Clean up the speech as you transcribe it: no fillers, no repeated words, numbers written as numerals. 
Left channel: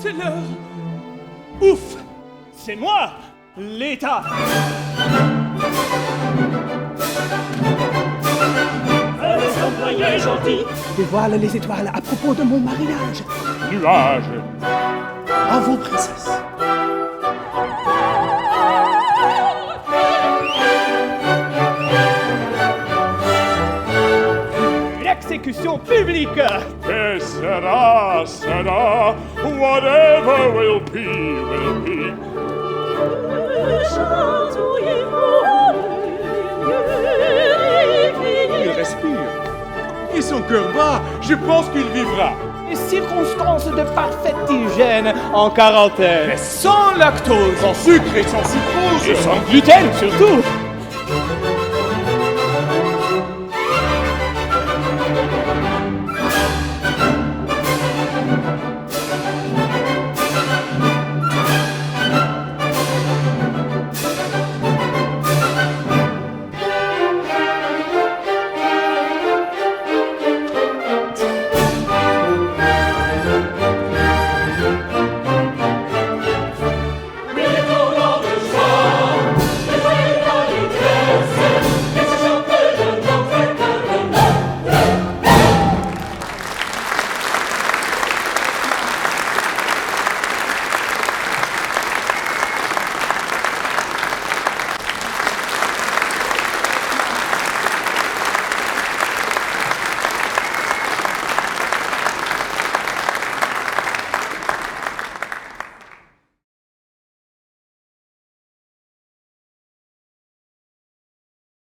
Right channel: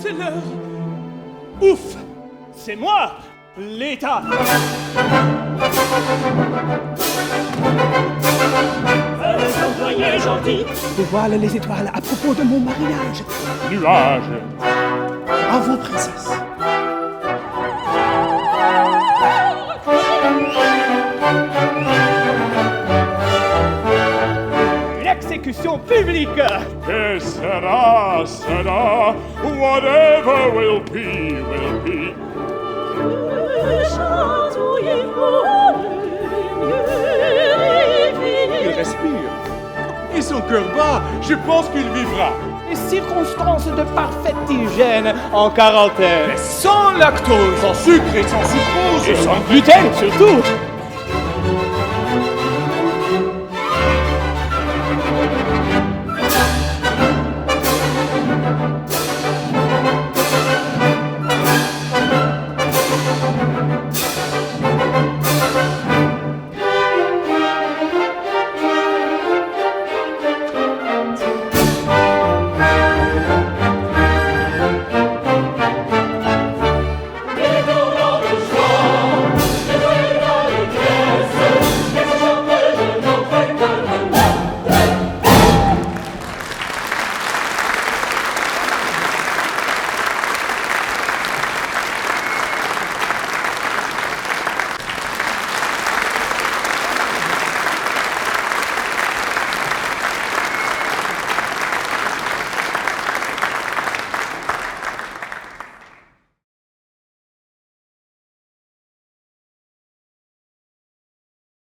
C'est l'heure. Ouf! C'est moi, l'État. Les employés gentils Dévoile les étoiles à propos de mon mariage. Nuages. À vous, princesse. Une exécution publique. Que sera, sera. Whatever will be, will be. Il respire. Et son cœur bat. Je pense qu'il vivra. Les circonstances de parfaite hygiène en quarantaine. Sans lactose, sans sucre et sans sucrose. Et sans gluten surtout.